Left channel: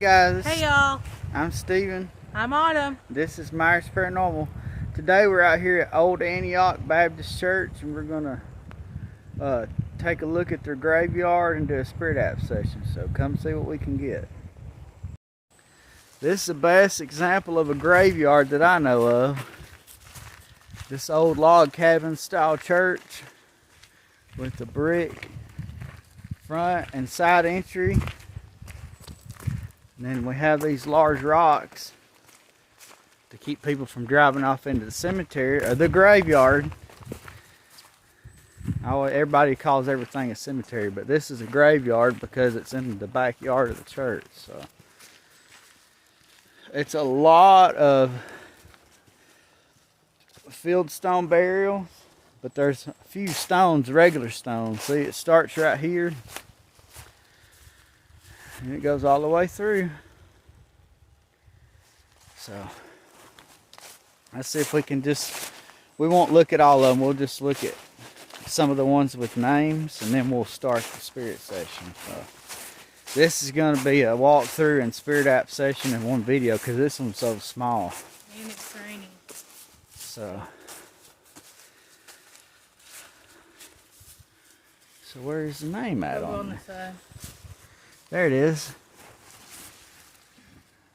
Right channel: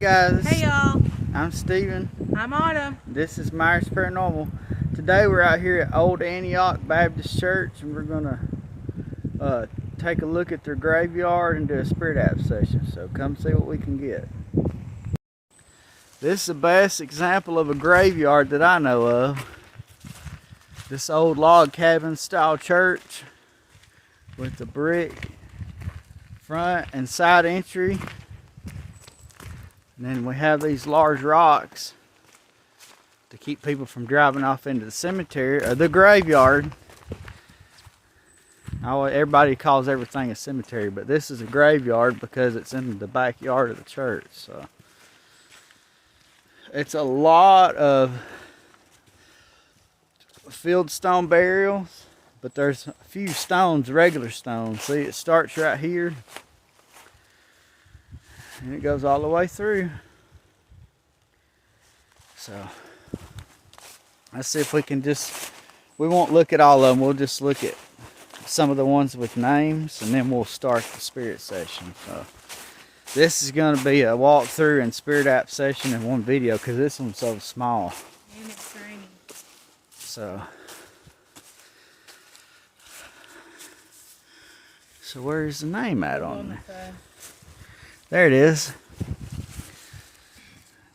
Guys, Hey y'all, I'm Steven. I'm Autumn. This is Myers Paranormal. Today we're out here at Old Antioch Baptist Church and we're gonna take a look at their graveyard and do a spirit app session. So come see what we can get. This is the best example of a graveyard that I know of. This old log cabin style church with the brick front and side entry. And then we have these large rocks to keep people from driving off into the cemetery or the graveyard. Everybody calls everything a cemetery, but this is a graveyard because it's in the backyard of the church. So it's a lot of fieldstone burials, but there's a few stones, regular stones. See, it starts right here. And it goes all the way through. So let's see if we can we won't look at all of them. We'll just look at some of the ones with names and then we'll start the spirit session. So this is going to be a walkthrough and spirit app session in one video because this one's so small. And it's raining. So where's the name at on it? There it is.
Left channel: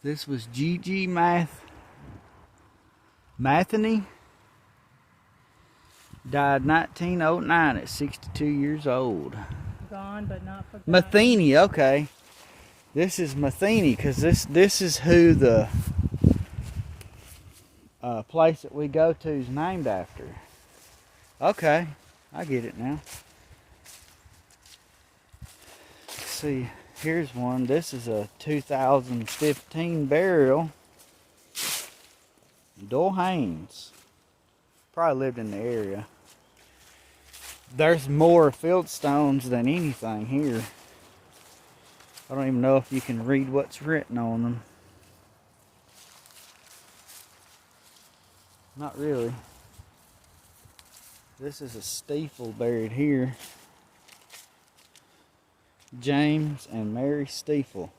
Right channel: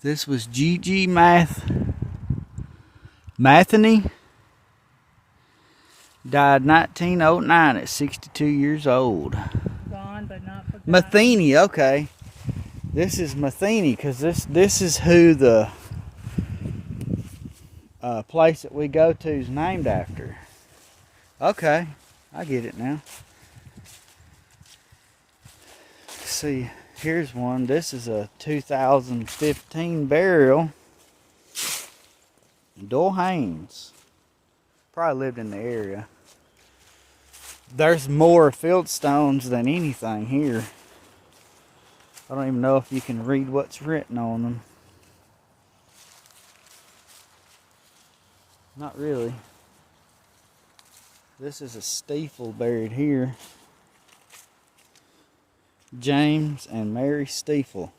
This was Gigi Matheny. Died 1909 at 62 years old. Gone but not forgotten. Matheny, okay. This is Matheny because this is who the place that we go to is named after. Okay, I get it now. Let's see. Here's one. This is a 2015 burial. Doyle Haynes. Probably lived in the area. There's more fieldstones than anything here. I don't even know if you can read what's written on them. Not really. This is a steeple buried here. James and Mary Stiefel.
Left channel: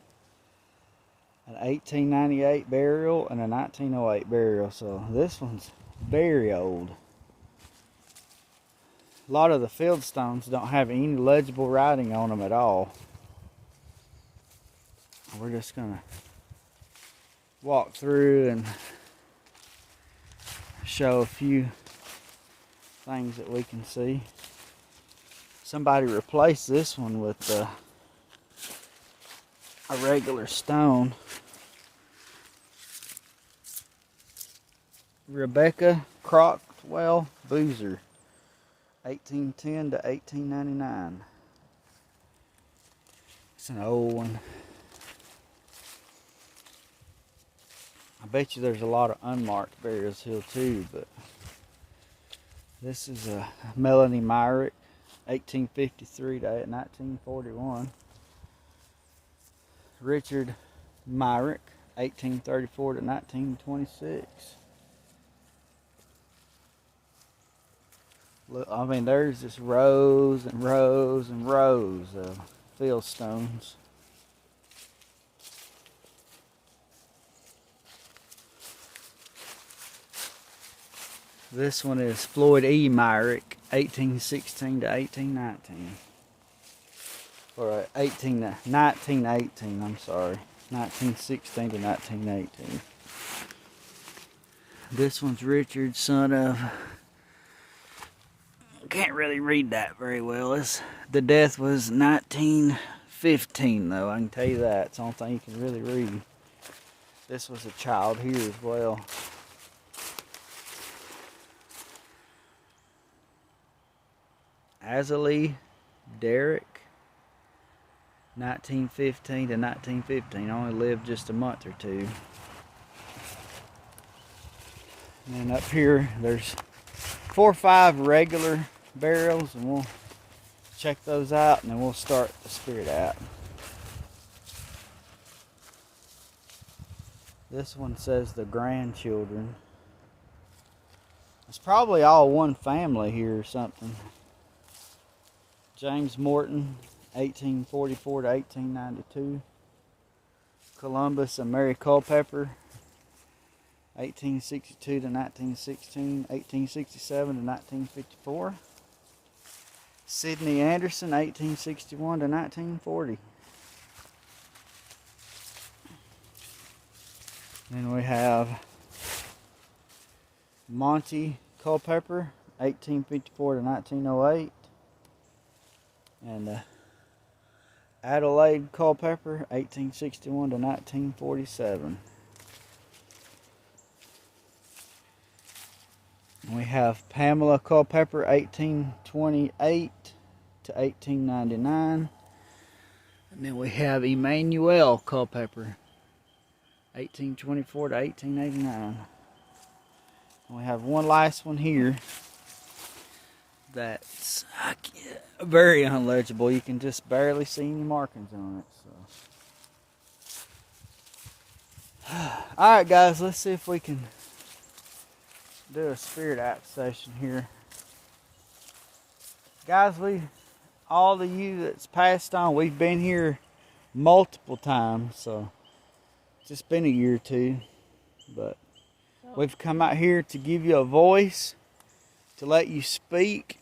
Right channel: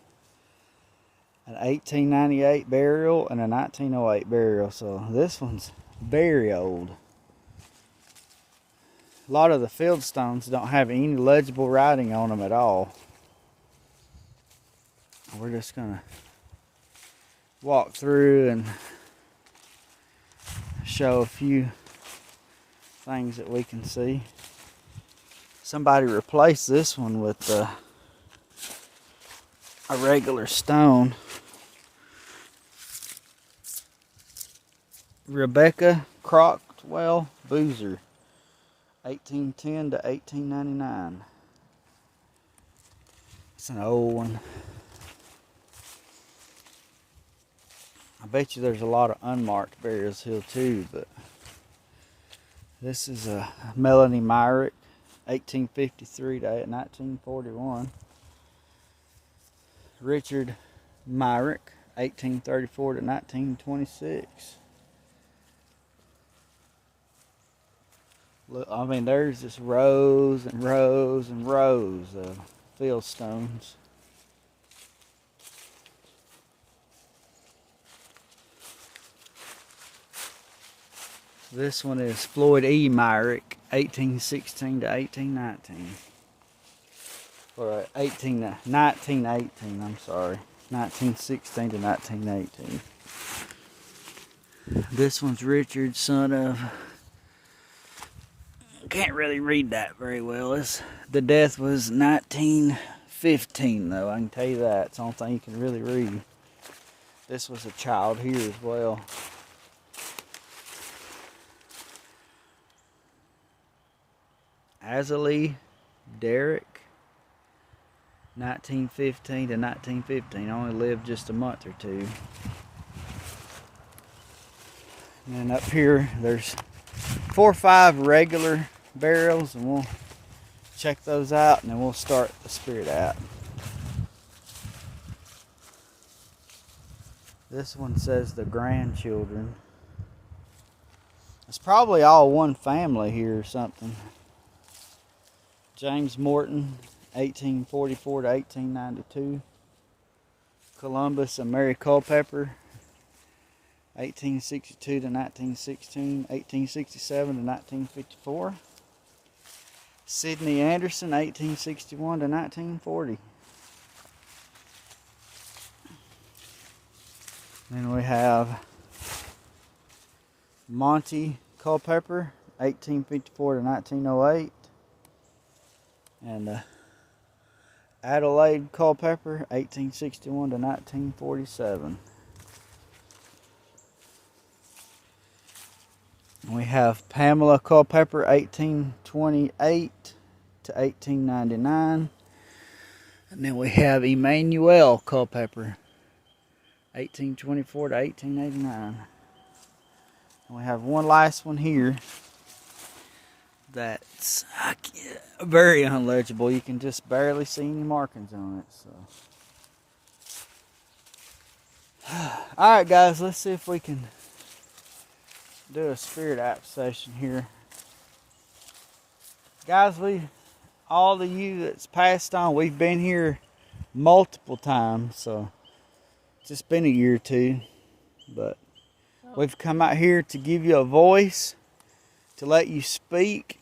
An 1898 burial and a 1908 burial. So this one's very old. A lot of the fieldstones don't have any legible writing on them at all. We're just going to walk through and show a few things that we can see. Somebody replaced this one with a regular stone. Rebecca Crockwell Boozer, 1810 to 1899. It's an old one. I bet you there's a lot of unmarked burials here too, but this is a Melanie Myrick, 1853 to 1941. Richard Myrick, 1834 to 1926. Look, I mean, there's just rows and rows and rows of fieldstones. This one is Floyd E. Myrick, 1816 to 1819. Or 1918, I'm sorry. 1916 to 1918. This one's Richard, son of... Can't really read that very well. The death was 1915, though. I can tell you that. It's the only thing you can really read. This was a child here as well. Azalee Derrick, 1915 to 1915. Only lived just a month or two. And up here, there's 4 or 5 regular burials, and we'll check those out, and then we'll start the spirit app. This one says the grandchildren. It's probably all one family here or something. James Morton, 1844 to 1892. Columbus and Mary Culpepper, 1862 to 1916, 1867 to 1954. Sidney Anderson, 1861 to 1940. Then we have Monty Culpepper, 1854 to 1908. And Adelaide Culpepper, 1861 to 1947. And we have Pamela Culpepper, 1828 to 1899. And then we have Emmanuel Culpepper, 1824 to 1889. And we have one last one here that's very unlegible. You can just barely see any markings on it. So, alright guys, let's see if we can do a spirit app session here. Guys, all of you that's passed on, we've been here multiple times, so it's just been a year or two, but we've come out here to give you a voice, to let you speak.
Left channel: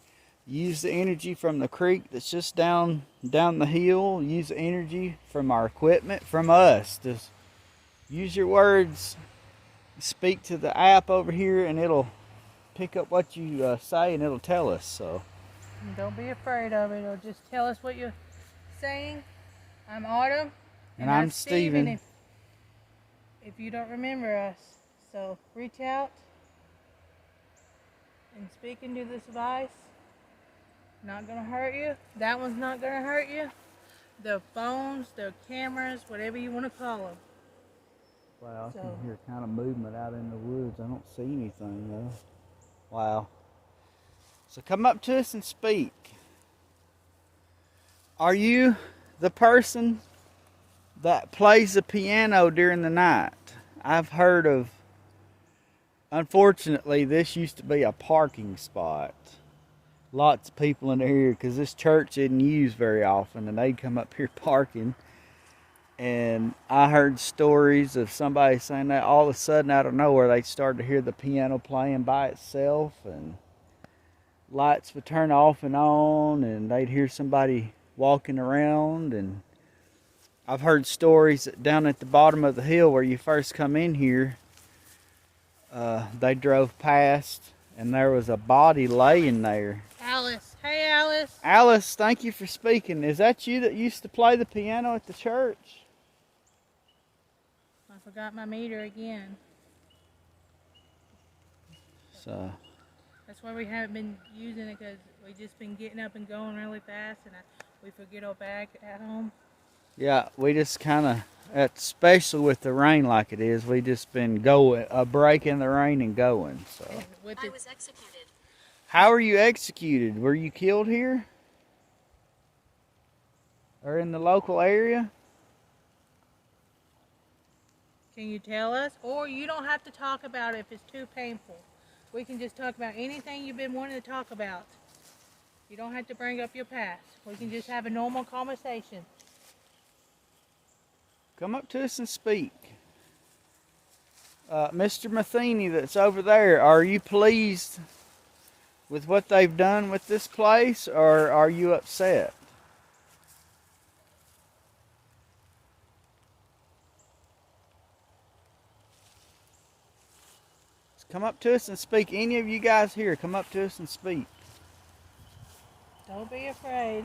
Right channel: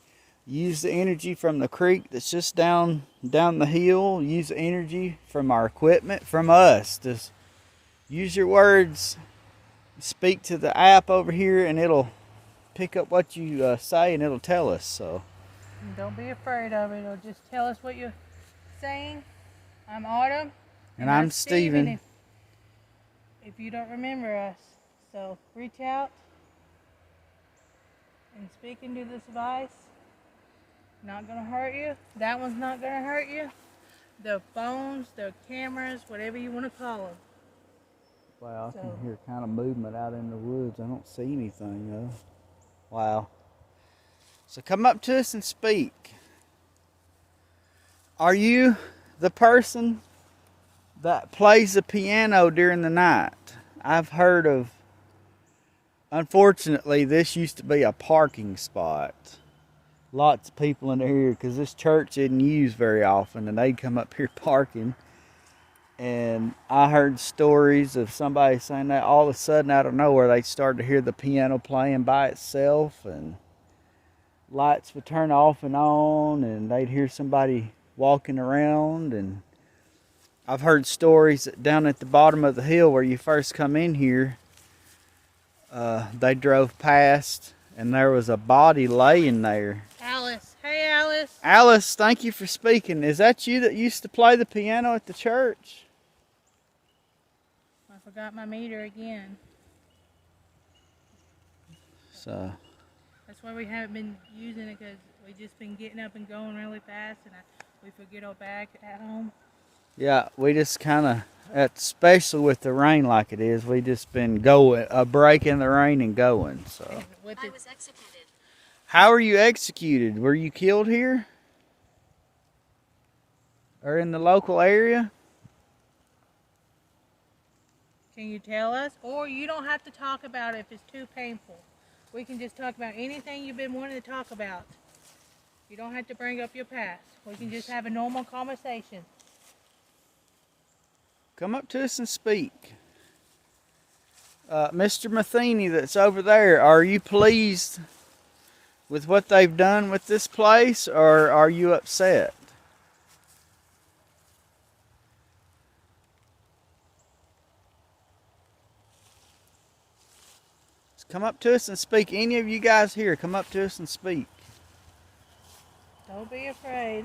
Use the energy from the creek that's just down the hill. Use the energy from our equipment, from us. Just use your words. Speak to the app over here, and it'll pick up what you say, and it'll tell us. So And don't be afraid of it. Or just tell us what you're saying. I'm Autumn. And I'm Steven. If you don't remember us, so reach out and speak into this device. Not gonna hurt you. That one's not gonna hurt you. The phones, the cameras, whatever you want to call them. Wow, I can hear kind of movement out in the woods. I don't see anything though. Wow. So come up to us and speak. Are you the person that plays the piano during the night? I've heard of, unfortunately, this used to be a parking spot. Lots of people in here because this church isn't used very often, and they'd come up here parking. And I heard stories of somebody saying that all of a sudden out of nowhere they started to hear the piano playing by itself, and lights would turn off and on, and they'd hear somebody walking around. And I've heard stories that down at the bottom of the hill where you first come in here, they drove past and there was a body laying there. Alice. Hey, Alice. Alice, thank you for speaking. Is that you that used to play the piano at the church? I forgot my meter again. So That's why we haven't been using it, because we've just been getting up and going really fast, and we forget our bag at home. yeah, we just kind of, especially with the rain like it is, we just been going, breaking the rain and going. So And with I it, was executed. how were you executed? Were you killed here? Or in the local area? can you tell us? Or you don't have to talk about it if it's too painful. We can just talk about anything you've been wanting to talk about. You don't have to bring up your past. We can just have a normal conversation. Come up to us and speak. Mr. Matheny that's over there, are you pleased with what they've done with this place, or are you upset? Come up to us and speak. Any of you guys here, come up to us and speak. Don't be afraid.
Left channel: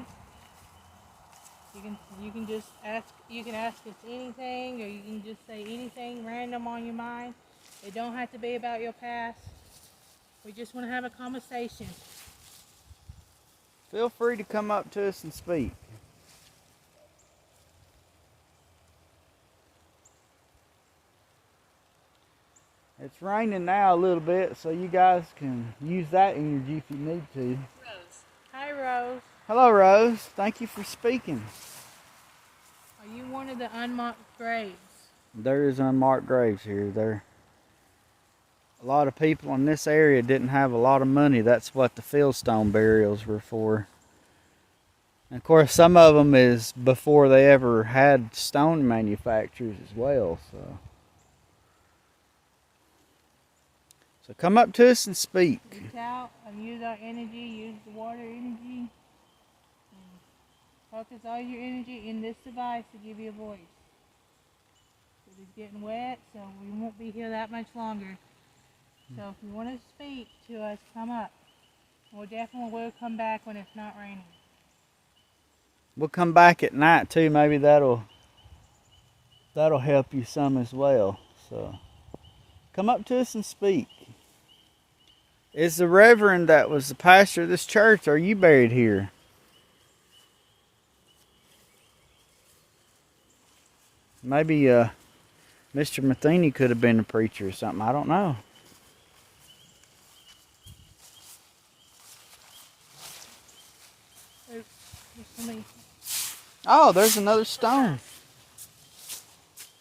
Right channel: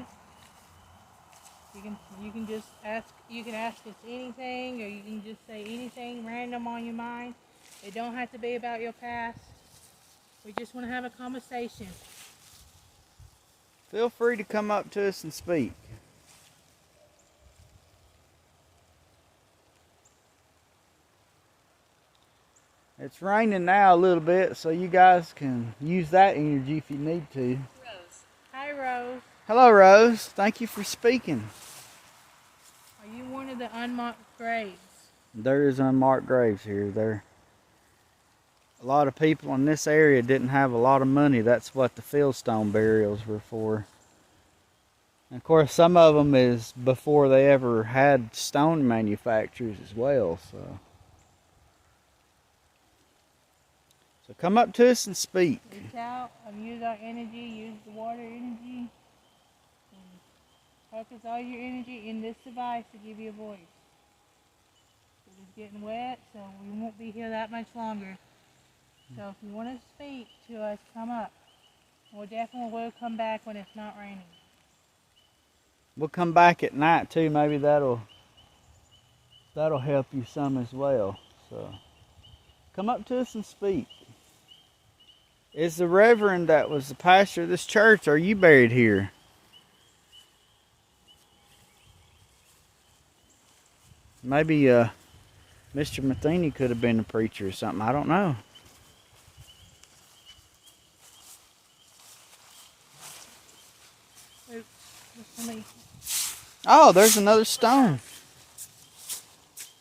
You can just ask. You can ask us anything, or you can just say anything random on your mind. It don't have to be about your past. We just want to have a conversation. Feel free to come up to us and speak. It's raining now a little bit, so you guys can use that energy if you need to. Rose. Hi, Rose. Hello, Rose. Thank you for speaking. Are you one of the unmarked graves? There is unmarked graves here. A lot of people in this area didn't have a lot of money. That's what the fieldstone burials were for. And of course, some of them is before they ever had stone manufacturers as well. So come up to us and speak. Reach out and use our energy, use the water energy, and focus all your energy in this device to give you a voice. It is getting wet, so we won't be here that much longer. So if you want to speak to us, come up. We'll definitely come back when it's not raining. We'll come back at night too. Maybe that'll help you some as well. So come up to us and speak. Is the reverend that was the pastor of this church, are you buried here? Maybe Mr. Matheny could have been a preacher or something. I don't know. Oh, there's another stone.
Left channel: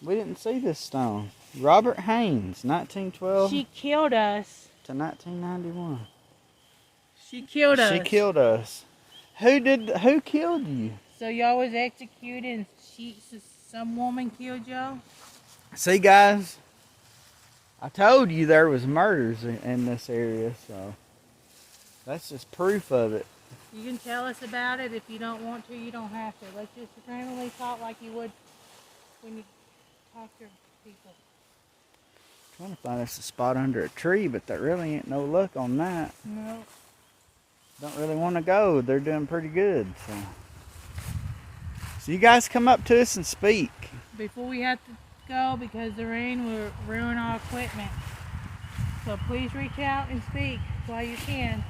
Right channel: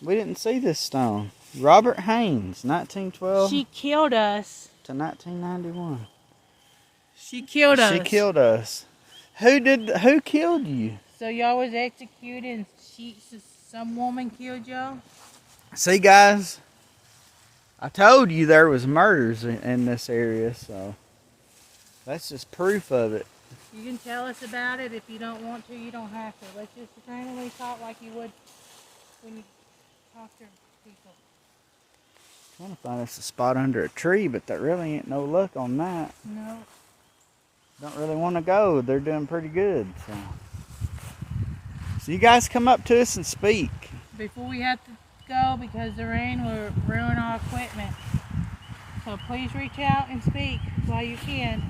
We didn't see this stone. Robert Haynes, 1912 She killed us. to 1991. She killed us. She killed us. Who killed you? So y'all was executed and some woman killed y'all? See, guys, I told you there was murders in this area, so that's just proof of it. You can tell us about it. If you don't want to, you don't have to. Let's just randomly talk like you would when you talk to people. Trying to find us a spot under a tree, but there really ain't no luck on that. No. Don't really want to go. They're doing pretty good. So you guys come up to us and speak. Before we have to go, because the rain will ruin our equipment. So please reach out and speak while you can.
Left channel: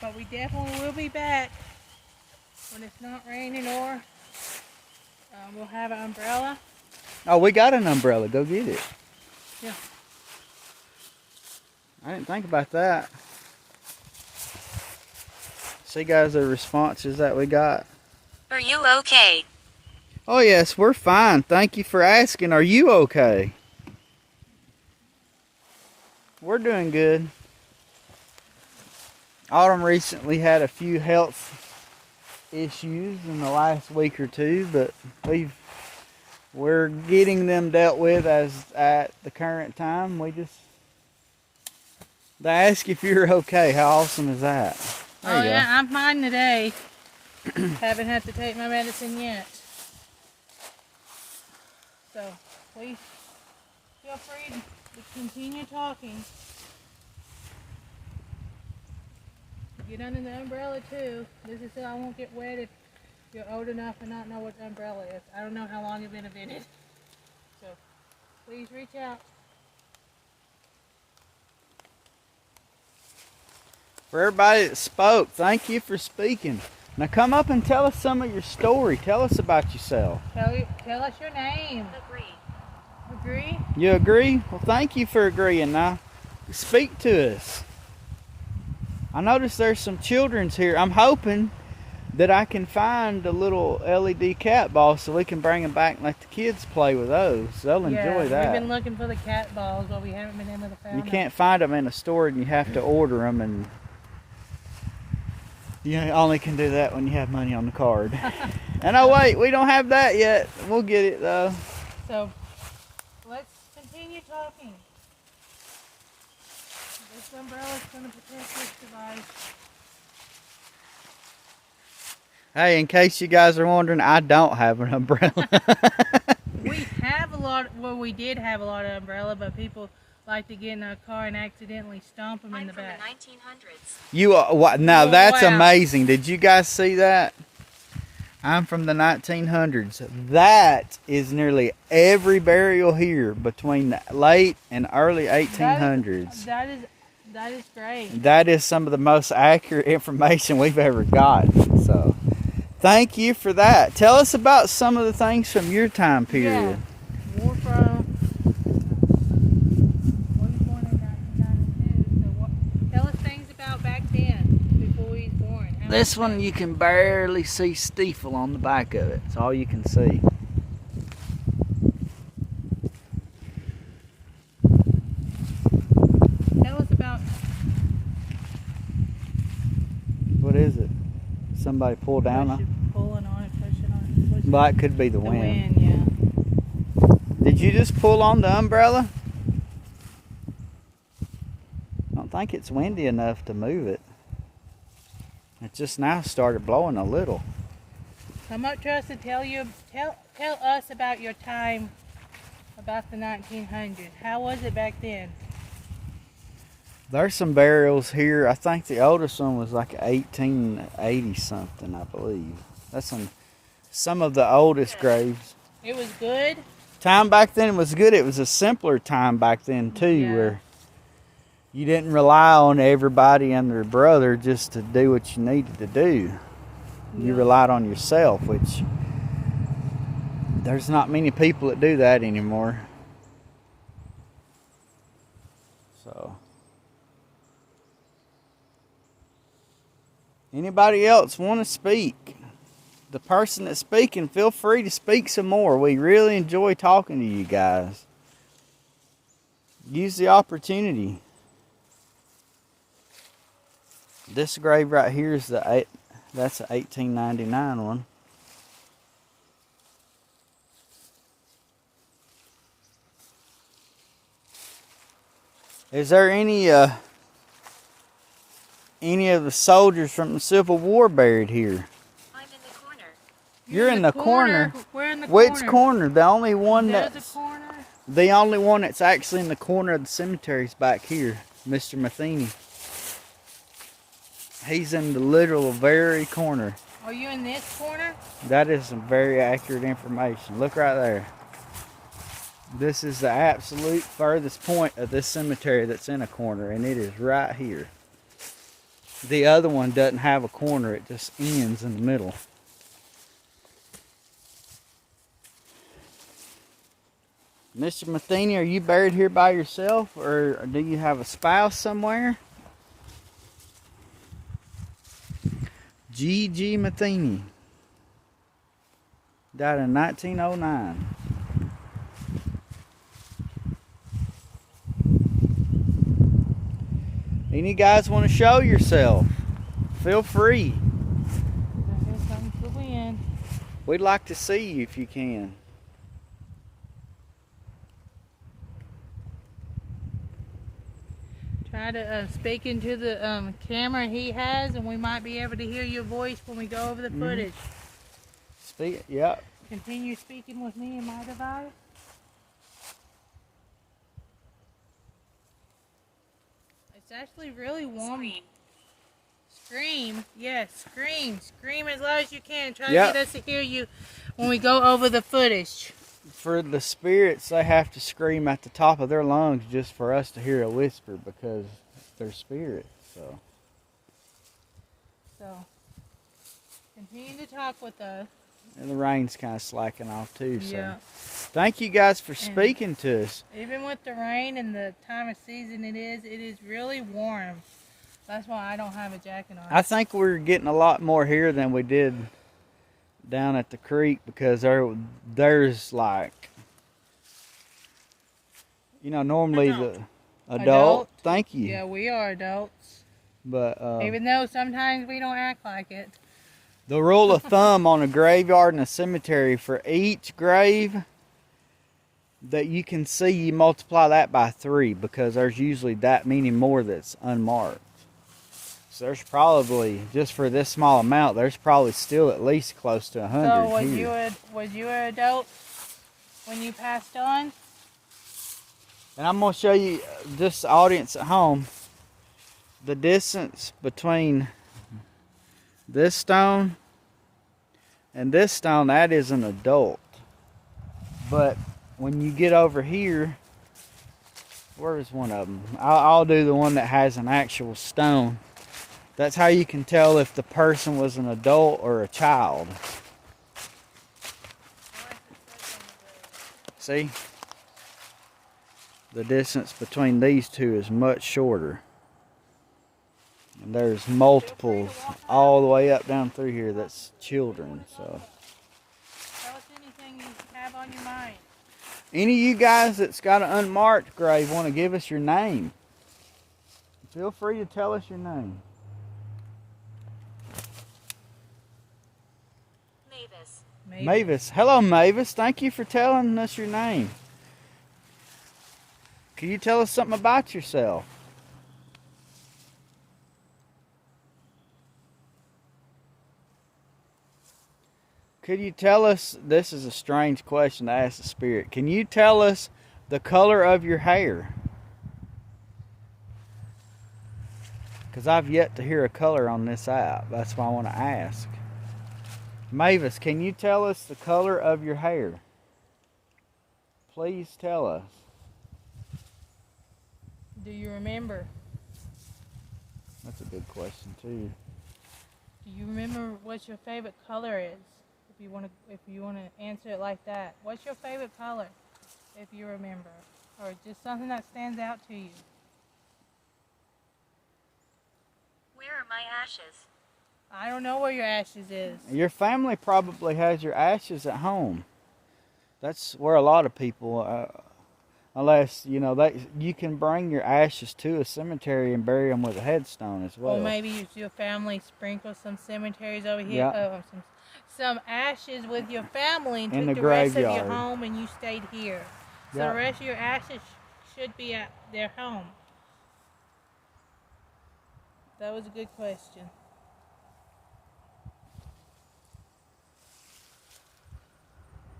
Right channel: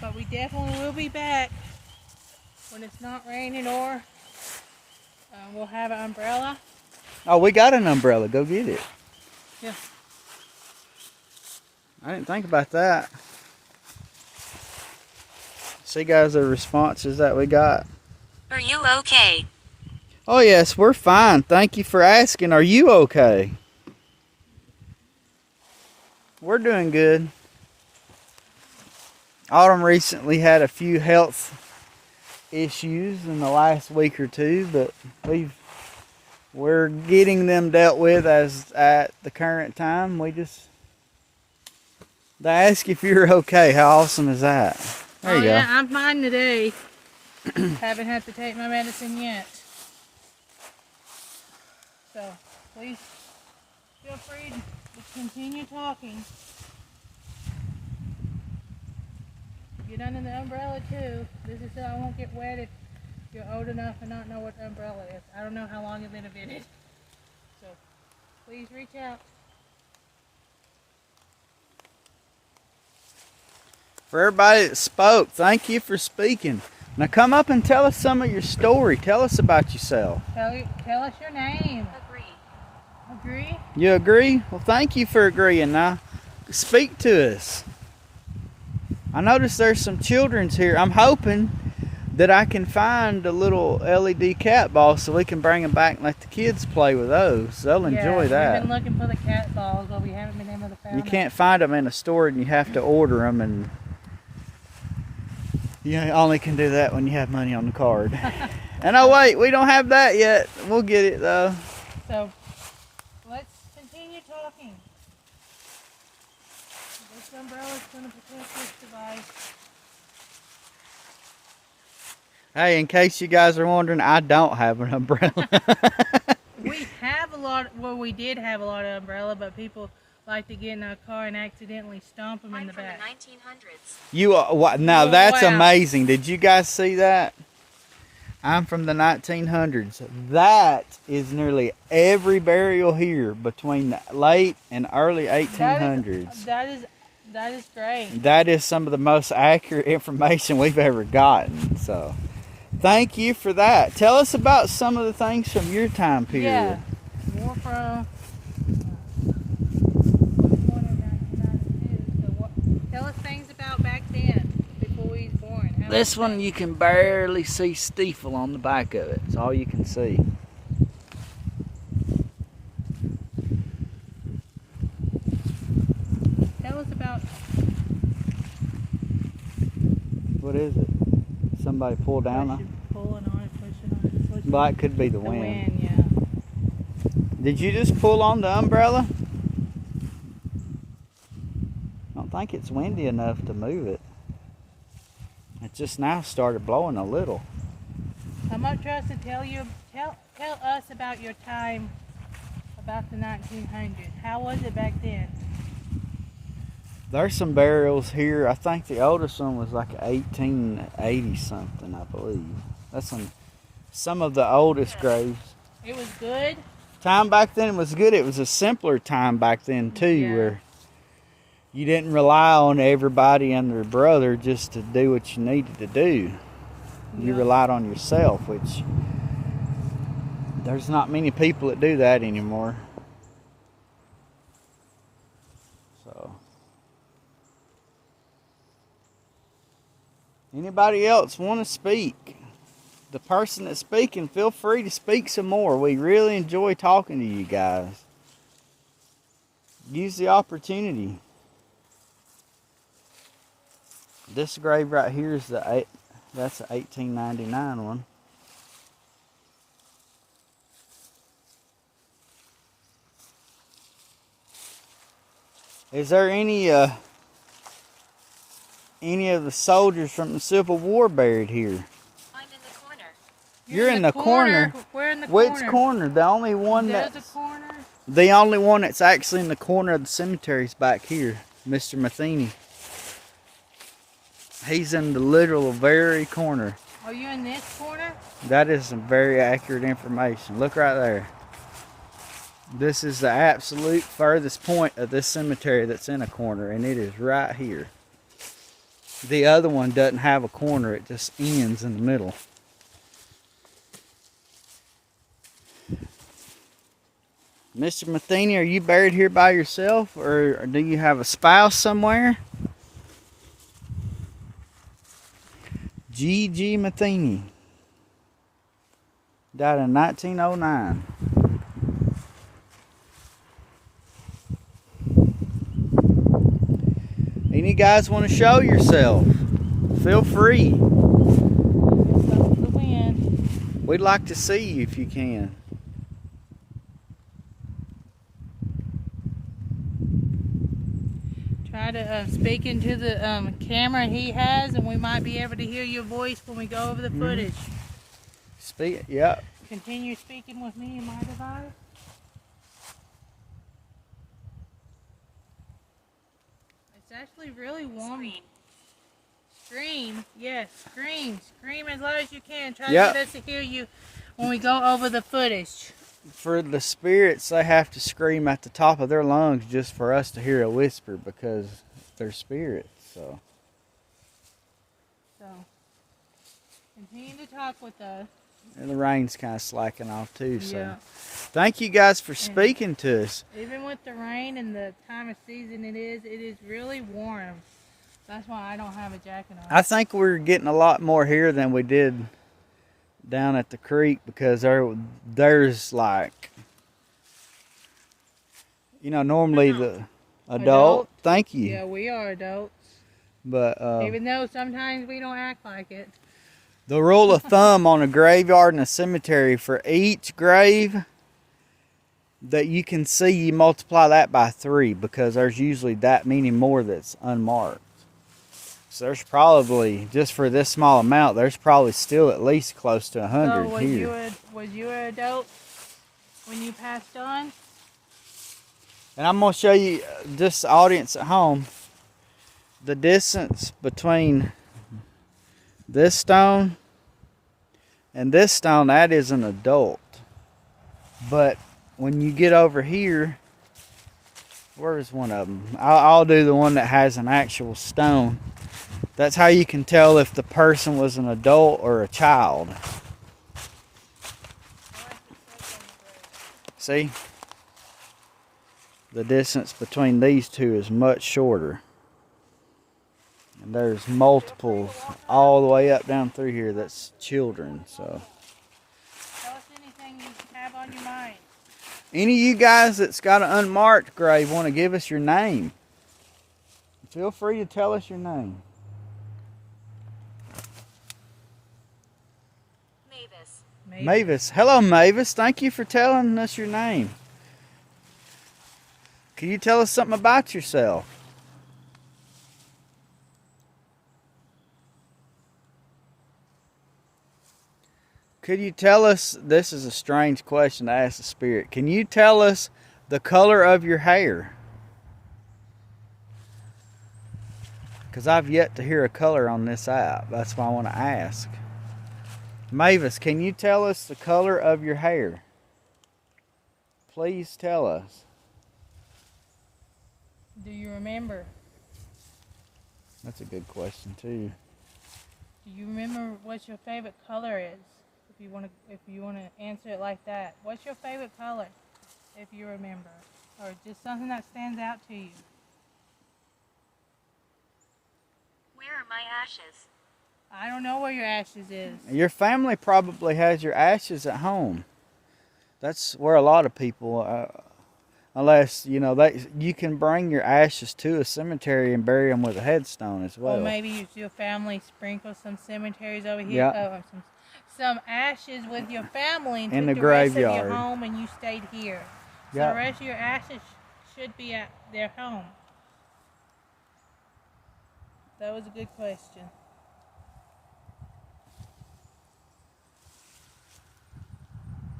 But we definitely will be back when it's not raining, or we'll have an umbrella. Oh, we got an umbrella. Go get it. Yeah. I didn't think about that. See, guys, the responses that we got. Are you okay? Oh, yes, we're fine. Thank you for asking. Are you okay? We're doing good. Autumn recently had a few health issues in the last week or two, but we're getting them dealt with as at the current time. They ask if you're okay. How awesome is that? There you go. Yeah, I'm fine today. Haven't had to take my medicine yet. So please feel free to continue talking. Get under the umbrella too. This is so I won't get wet if you're old enough to not know what the umbrella is. I don't know how long you've been invented. So please reach out. For everybody that spoke, thank you for speaking. Now come up and tell us some of your story. Tell us about yourself. Tell us your name. Agree? You agree? Well, thank you for agreeing. Now, speak to us. I notice there's some children's here. I'm hoping that I can find a little LED cat ball so we can bring them back and let the kids play with those. They'll enjoy that. We've been looking for the cat balls, but we haven't been able to find them. You can't find them in a store, and you have to order them, and you only can do that when you have money on the card. And oh wait, we don't have that yet. We'll get it though. So let's continue talking. This umbrella is going to protect this device. Hey, in case you guys are wondering, I don't have an umbrella. We have a lot. Well, we did have a lot of umbrella, but people like to get in a car and accidentally stomp them in the back. I'm from the 1900s. You are what? Now Oh, that's wow. amazing. Did you guys see that? I'm from the 1900s. That is nearly every burial here between the late and early 1800s. That is great. That is some of the most accurate information we've ever gotten. So, thank you for that. Tell us about some of the things from your time period. Yeah. We're from. Born in 1992. So tell us things about back then, before we was born. This one you can barely see Stiefel on the back of it. It's all you can see. Tell us about. What is it? Somebody pull down Push it, pull Well, it could be the The wind. wind, yeah. Did you just pull on the umbrella? I don't think it's windy enough to move it. It just now started blowing a little. Come up to us to tell us about your time about the 1900s. How was it back then? There's some burials here. I think the oldest one was like 1880 something, I believe. That's some of the oldest graves. It was good. Time back then was good. It was a simpler time back then too, Yeah. where you didn't rely on everybody and their brother just to do what you needed to do. You relied on yourself, which there's not many people that do that anymore. So, anybody else want to speak? The person that's speaking, feel free to speak some more. We really enjoy talking to you guys. Use the opportunity. This grave right here is that's an 1899 one. Is there any of the soldiers from the Civil War buried here? I'm in the corner. You're in the corner. We're in the Which corner. corner? The only one There's that's a corner. the only one that's actually in the corner of the cemetery is back here, Mr. Matheny. He's in the literal very corner. Are you in this corner? That is some very accurate information. Look right there. This is the absolute furthest point of this cemetery that's in a corner, and it is right here. The other one doesn't have a corner, it just ends in the middle. Mr. Matheny, are you buried here by yourself, or do you have a spouse somewhere? G.G. Matheny. Died in 1909. Any guys want to show yourself? Feel free. We'd like to see you if you can. Try to speak into the camera he has, and we might be able to hear your voice when we go over the footage. Speak, yeah. Continue speaking with me in my device. It's actually really warm. Scream. Yes, scream. Scream as loud as you can. Try to get us to hear you when we go over the footage. For the spirits, they have to scream at the top of their lungs just for us to hear a whisper because they're spirits. So continue to talk with us. And the rain's kind of slacking off too. So Yeah. thank you guys for speaking to us. Even with the rain and the time of season it is really warm. That's why I don't have a jacket on. I think we're getting a lot more here than we did down at the creek because there's like, normally the adult. Thank you. Yeah, we are adults. But even though sometimes we don't act like it. the rule of thumb on a graveyard and a cemetery, for each grave that you can see, you multiply that by 3 because there's usually that many more that's unmarked. So there's probably, just for this small amount, there's probably still at least close to 100 So here. was you an adult when you passed on? And I'm going to show you, just the audience at home, the distance between this stone and this stone. That is an adult. But when you get over here, where's one of them? I'll do the one that has an actual stone. That's how you can tell if the person was an adult or a child. See? The distance between these two is much shorter. And there's multiples all the way up down through here that's children. So Tell us anything you have on your mind. any of you guys that's got an unmarked grave want to give us your name, feel free to tell us your name. Mavis. Hello, Mavis. Thank you for telling us your name. Can you tell us something about yourself? Could you tell us, this is a strange question to ask the spirit, can you tell us the color of your hair? Because I've yet to hear a color on this app. That's why I want to ask. Mavis, can you tell us the color of your hair? Please tell us. Do you remember? That's a good question too. Do you remember what your favorite color is? If you want to answer it like that, what's your favorite color? If you remember, or just something that stands out to you. Where are my ashes? I don't know where your ashes is. Your family probably has your ashes at home. That's where a lot of people, unless you can bring your ashes to a cemetery and bury them with a headstone as well. Or maybe if your family sprinkles some cemeteries over here, Yeah. some ashes with your family and In took the the rest of graveyard. your home and you stayed here. So Yeah. the rest of your ashes should be at their home. That was a good question.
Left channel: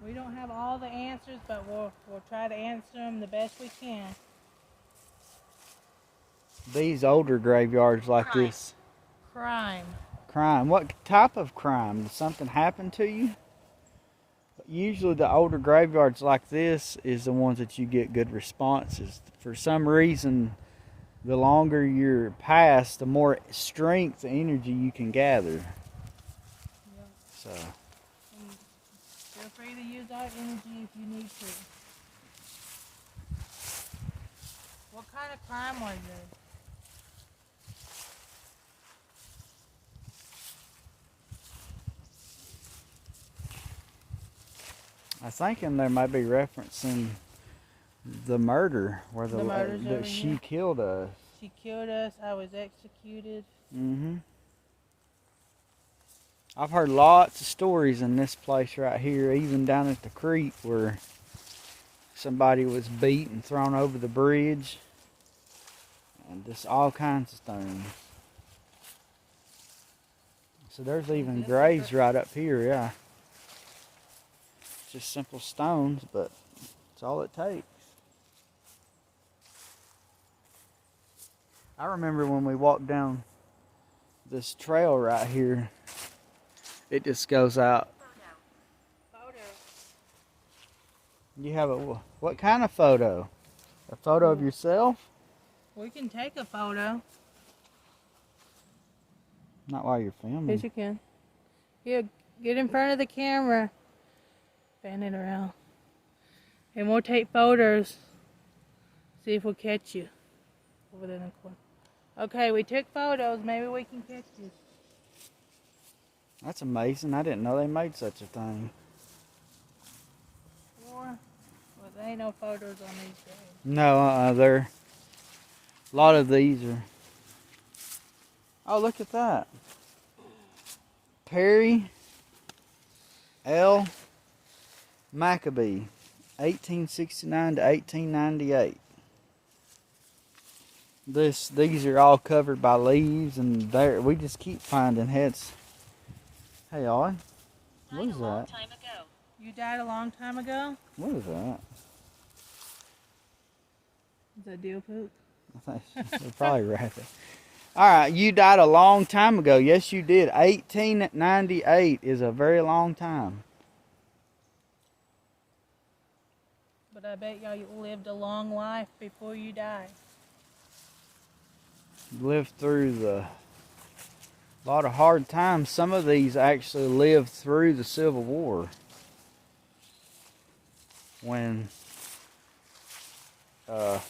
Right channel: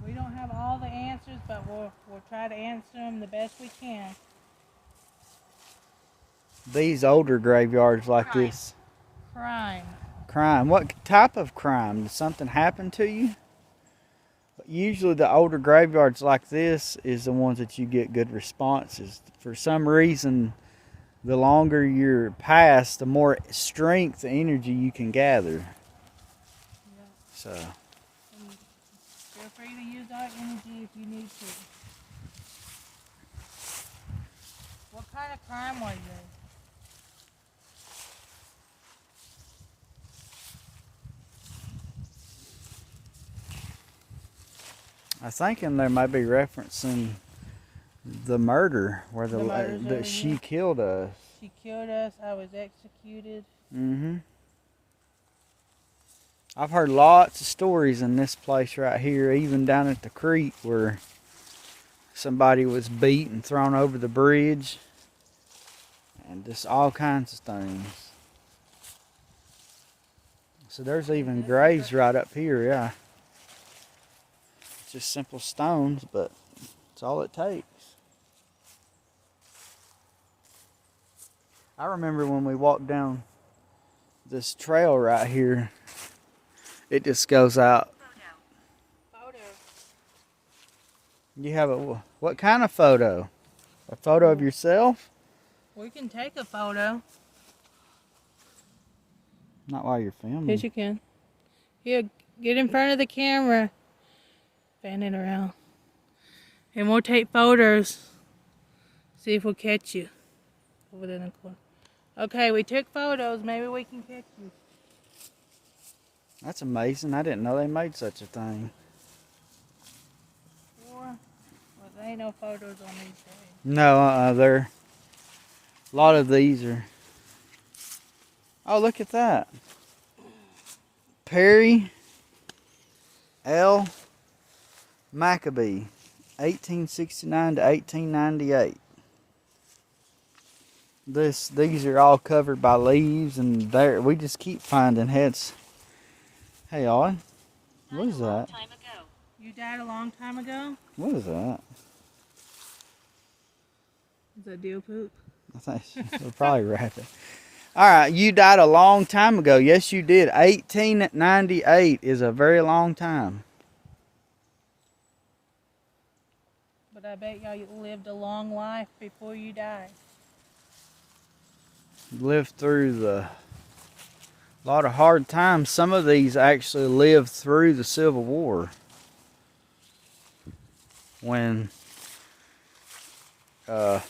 We don't have all the answers, but we'll try to answer them the best we can. These older graveyards like Crime. this. Crime. What type of crime? Did something happen to you? Usually the older graveyards like this is the ones that you get good responses. For some reason, the longer you're past, the more strength and energy you can gather. Yeah. So, Feel free to use our energy if you need to. What kind of crime are you? I think there might be referencing the murder where The murders over that she here? killed us. She killed us. I was executed. I've heard lots of stories in this place right here, even down at the creek where somebody was beat and thrown over the bridge, and just all kinds of things. So there's even graves right up here, yeah. It's just simple stones, but it's all it takes. I remember when we walked down this trail right here, it just goes out. Photo. You have what kind of photo? A photo of yourself? We can take a photo. Not while you're filming. Yes, you can. Here, get in front of the camera. Fan it around. And we'll take photos. See if we'll catch you. Over there in the corner. Okay, we took photos. Maybe we can catch you. That's amazing. I didn't know they made such a thing. Well, there ain't no photos on these days. No, there. A lot of these are. Oh, look at that. Perry L. Maccabee, 1869 to 1898. These are all covered by leaves, and we just keep finding heads. Hey, Ollie, what is that? You died a long time ago? What is that? Is that deer poop? I think we'll probably wrap it. All right, you died a long time ago. Yes, you did. 1898 is a very long time. But I bet y'all lived a long life before you died. Lived through a lot of hard times. Some of these actually lived through the Civil War, when the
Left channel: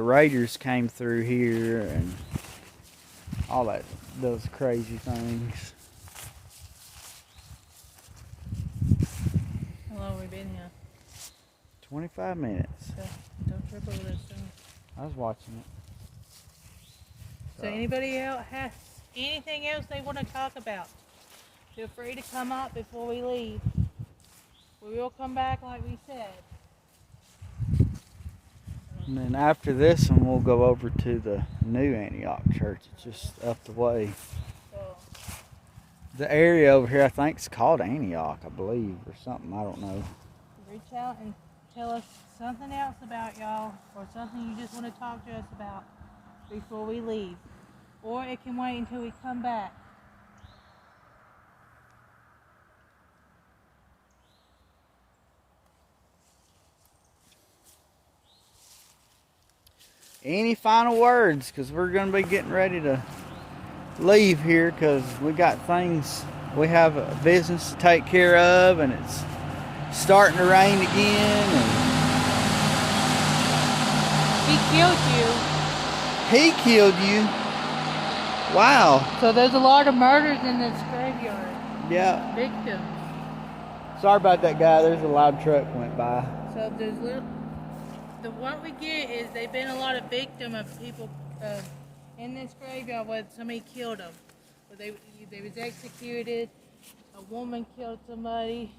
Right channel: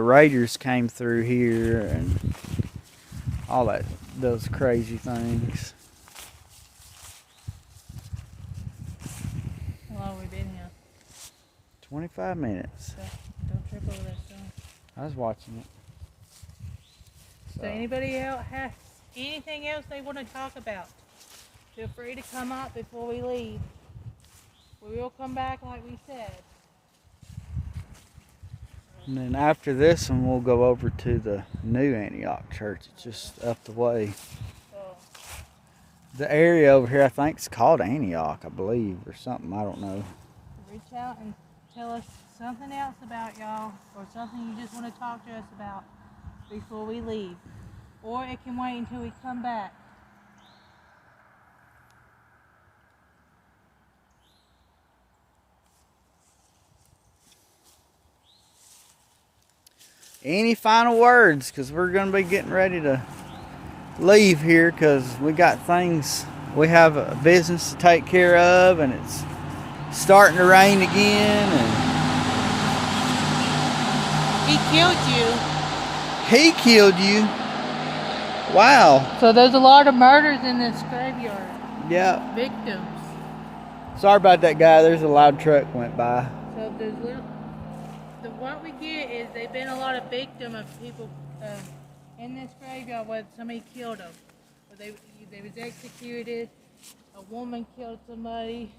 Raiders came through here and all those crazy things. How long have we been here? 25 minutes. So, don't trip over this thing. I was watching it. So anybody else has anything else they want to talk about? Feel free to come up before we leave. We will come back like we said. And then after this one, we'll go over to the New Antioch Church. It's just up the way. So, The area over here, I think, is called Antioch, I believe, or something. I don't know. reach out and tell us something else about y'all, or something you just want to talk to us about before we leave. Or it can wait until we come back. Any final words? Because we're going to be getting ready to leave here because we got things, we have a business to take care of, and it's starting to rain again. And He killed you. he killed you? Wow. So there's a lot of murders in this graveyard. Yeah. Victims. Sorry about that, guy. There's a loud truck went by. So there's the one we get is they've been a lot of victims of people in this graveyard where somebody killed them. Where they was executed. A woman killed somebody.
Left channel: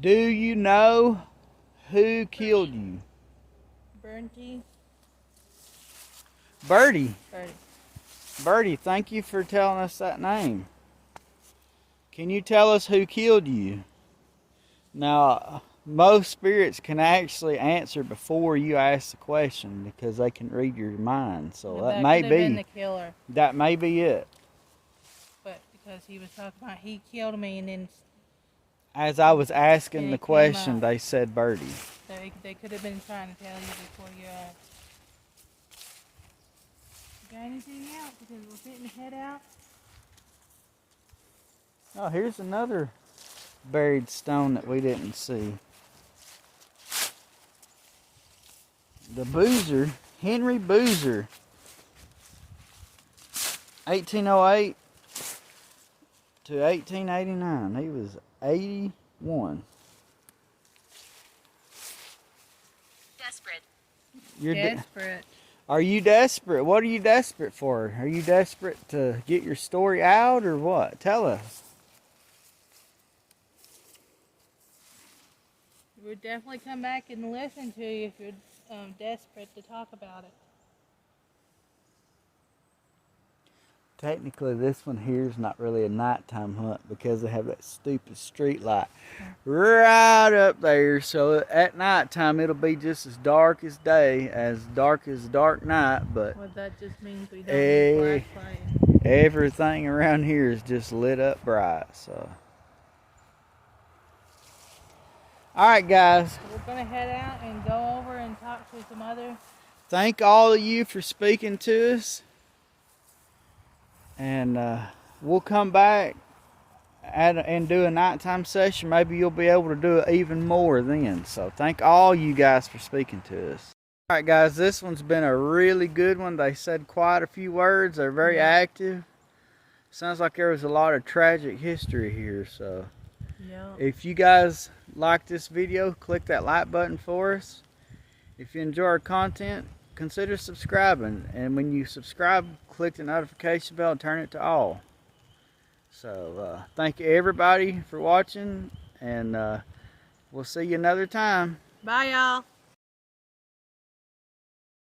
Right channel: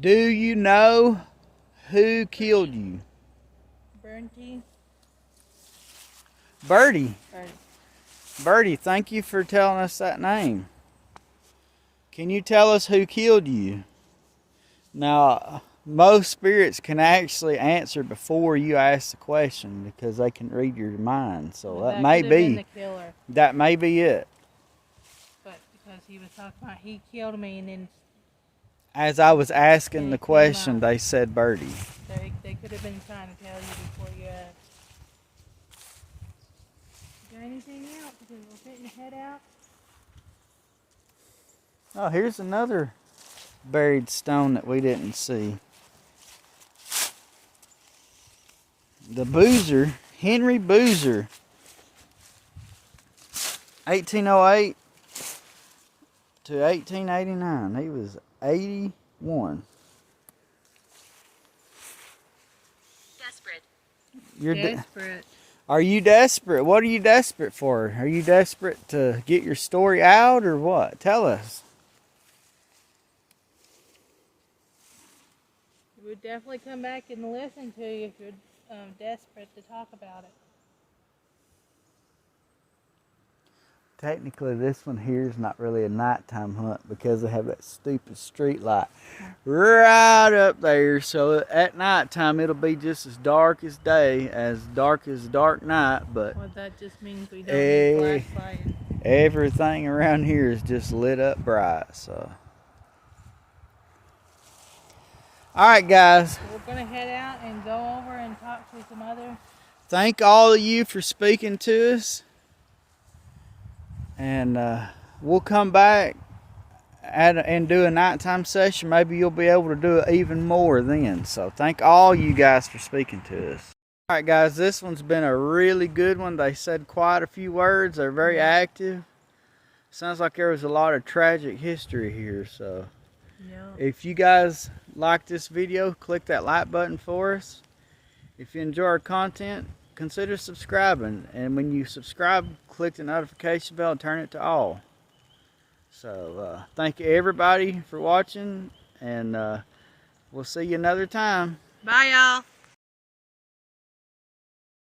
Do you know who killed you? Bernty. Birdie. Or Birdie, thank you for telling us that name. Can you tell us who killed you? Now, most spirits can actually answer before you ask the question because they can read your mind. So that may could have been be the killer. that may be it. But because he was talking about he killed me, and then As I was asking Yeah, the it came question, up. they said Birdie. they could have been trying to tell you before you asked. Got anything else? Because we're getting to head out. Oh, here's another buried stone that we didn't see. The Boozer, Henry Boozer, 1808 to 1889. He was 81. Desperate. You're Desperate. Are you desperate? What are you desperate for? Are you desperate to get your story out or what? Tell us. We'll definitely come back and listen to you if you're desperate to talk about it. Technically, this one here is not really a nighttime hunt because they have that stupid street light right up there. So at nighttime, it'll be just as dark as day, as dark night. But Well, that just means we don't need flashlight. everything around here is just lit up bright. So, all right, guys. We're gonna head out and go over and talk to some other. Thank all of you for speaking to us. And we'll come back and do a nighttime session. Maybe you'll be able to do it even more then. So thank all you guys for speaking to us. All right, guys, this one's been a really good one. They said quite a few words. They're very active. Sounds like there was a lot of tragic history here. So No. if you guys like this video, click that like button for us. If you enjoy our content, consider subscribing, and when you subscribe, click the notification bell and turn it to all. So thank you everybody for watching, and we'll see you another time. Bye, y'all.